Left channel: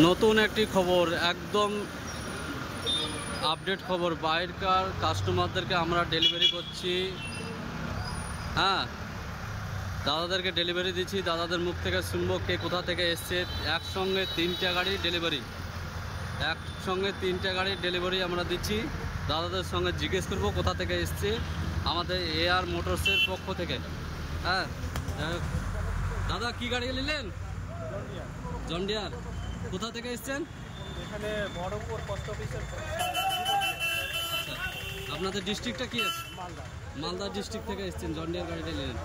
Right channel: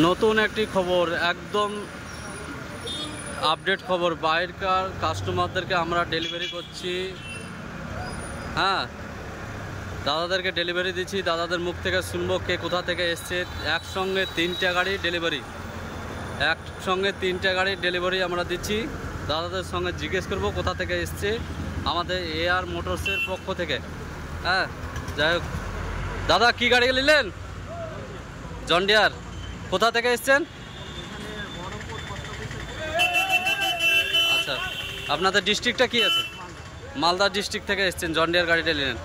নতুন একটি খবর, একদম আপডেট খবর। বাইরেকার কাস্টমারদেরকে আমরা ডেলিভারি করছি। হ্যাঁ, দাদাদেরকে ডেলিভারি দিচ্ছি। দাদাদের মুখ থেকে শুনবো কে কোথা থেকে এসছে। একসঙ্গে 3টে গাড়ি ডেলিভারি, একসঙ্গে 3টে গাড়ি ডেলিভারি আমরা দিচ্ছি। দাদাদের সঙ্গে জিজ্ঞেস করবো কোথা থেকে এসছে, আমাদের এআর মোটরসের পক্ষ থেকে। হ্যাঁ, যাই হোক, দাদা কি গাড়ি নিলেন? John Deere. কোথা থেকে এসছেন? আচ্ছা, আপনাদের ডিস্ট্রিক্টটা কি আছে? মালদা ডিস্ট্রিক্ট থেকে এসছেন, জন ডিয়ার গাড়িটা নিলেন।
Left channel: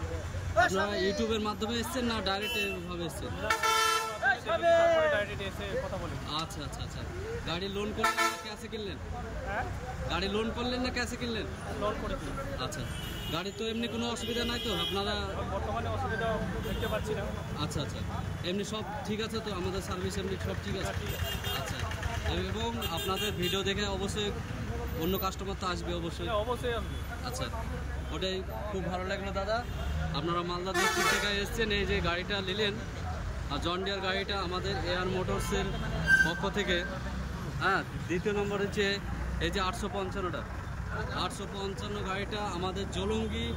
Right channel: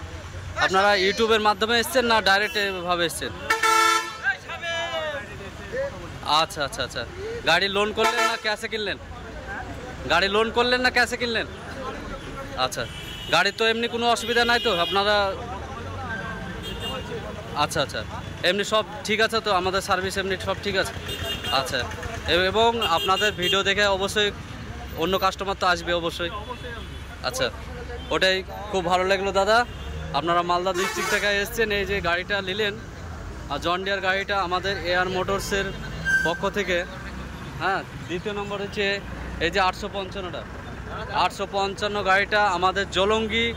আপনারা ইউটিউবের মাধ্যমে এসছেন না ডাইরেক্ট এভাবে এসছেন? আচ্ছা আচ্ছা আচ্ছা, গাড়ি লোন করলেন না ক্যাশে কিনলেন? গাড়ি লোন করলেন না ক্যাশে কিনলেন? আচ্ছা, গাড়ির তো এমনি কোনো অসুবিধা নাই তো আপনারা? আচ্ছা আচ্ছা, এমনি সব ঠিক আছে তো? আমাদের সার্ভিস এমনি সব ঠিক আছে? আচ্ছা, এবং আপনাদের ভিডিও দেখে অবশ্যই অন্য কাস্টমার তো আসবে অবশ্যই। আচ্ছা, ওটাই খুব ভালো লাগলো দাদা। আপনারা মালদা ডিস্ট্রিক্ট থেকে এসছেন, এই যে গাড়িটা নিলেন আর জন ডিয়ার গাড়িটা আমাদের এআর মোটরসের পক্ষ থেকে। হ্যাঁ, দ্বিতীয় নম্বর হচ্ছে এই যে 855টা 855 গাড়িটা আমাদের জলঙ্গি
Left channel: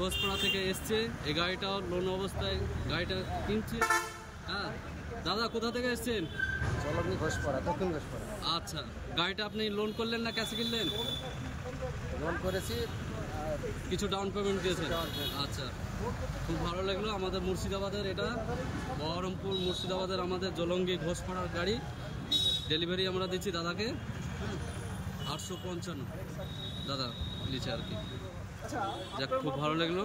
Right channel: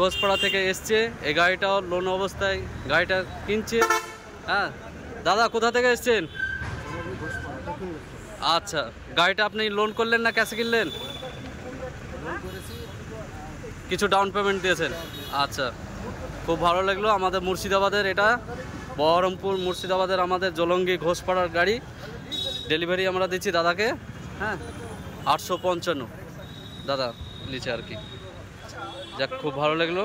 ঘোষপাড়া থেকে এসছে। এই গাড়িটাও লোন অবস্থায় গাড়িটা কিনছে। হ্যাঁ দাদা, কোথা থেকে এসছেন? আচ্ছা, গাড়িটা আপনি লোন করলেন না ক্যাশে কিনলেন? লোন করেছি, কিছু ডাউন পেমেন্ট দিয়েছেন। আচ্ছা, খুব ভালো লাগলো। আমাদের মুর্শিদাবাদের, এটা বহরমপুর মুর্শিদাবাদের আমাদের জলঙ্গি ঘোষপাড়ার গাড়ি ডেলিভারি আমরা দিচ্ছি দাদাকে। হ্যাঁ, 855 দাদা লিচে আর কি। যাক, খুব ভালো লাগলো।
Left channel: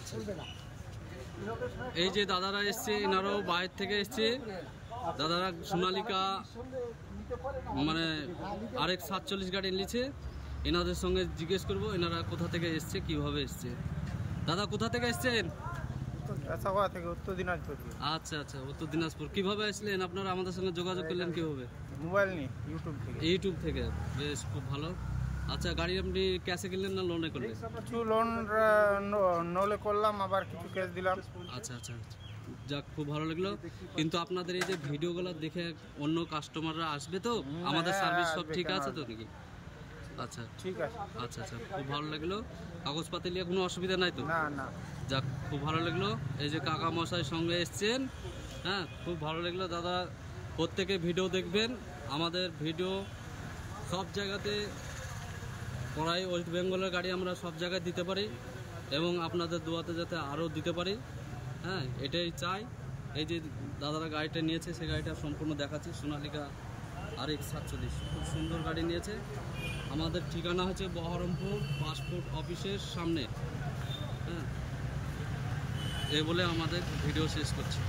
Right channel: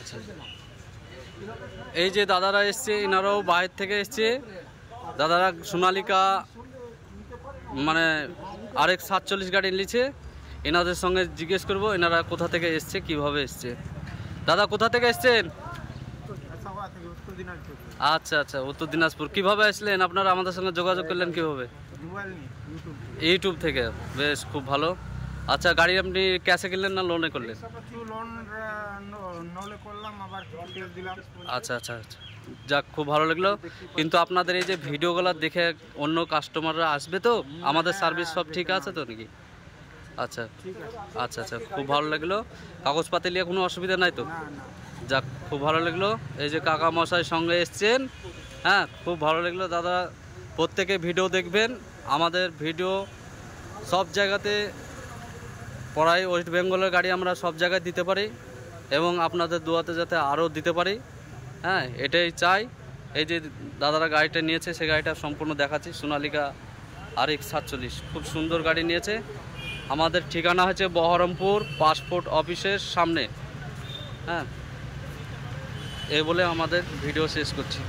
আচ্ছা, এই যে দাদারা এসছে, এনারাও বাইরে থেকে এসছে। দাদারা সোনালিকা মানে RX 47 গাড়ি নিচ্ছে। এনাদের সঙ্গে জিজ্ঞেস করবো এনারা কোথা থেকে এসছে, কিভাবে এসছে। দাদা কোথা থেকে এসছেন? আচ্ছা আচ্ছা, উত্তর দিনাজপুর। কিভাবে আসলেন আপনারা? আমাদের সঙ্গে যোগাযোগ করলেন কিভাবে? ইউটিউব থেকে। বেশ, খুব ভালো। আচ্ছা, গাড়ি আপনি ক্যাশে কিনলেন না লোনে করলেন? আচ্ছা আচ্ছা আচ্ছা, যাক, খুব ভালো লাগলো। কিন্তু আপনাদের এই যে ভিডিওগুলো দেখে অন্য কাস্টমাররা আসবে তো? আমাদের সার্ভিস সব ঠিক আছে তো নাকি? আচ্ছা আচ্ছা আচ্ছা, খুব ভালো লাগলো। কাগজপাতি নিয়ে কোনো অসুবিধা নাই তো? যাক, খুব ভালো লাগলো। এই যে কাকা মশাই সঙ্গে এসছেন। হ্যাঁ, খুব ভালো লাগলো দাদা। প্রত্যেকে ভিডিও দেখবেন। আমাদের ভিডিও সব জায়গাতে পড়াই, ওয়েস্ট বেঙ্গলের গাড়ি আমরা সব জায়গায় দিতে পারি এবং আপনাদের দোয়াতে যাতে আরও দিতে পারি। হ্যাঁ, এটাই চাই। এই যে দাদারা গাড়িটা নিয়েছে, সে গাড়িটা সম্পূর্ণ দেখাচ্ছি। সোনালিকা RX 47, খুব সুন্দর গাড়ি নিয়েছে। আমাদের ঠিকানা হচ্ছে বহরমপুর পাসপোর্ট অফিসের সামনে। হ্যাঁ, এই বলে আমাদের ভিডিও শেষ করছি।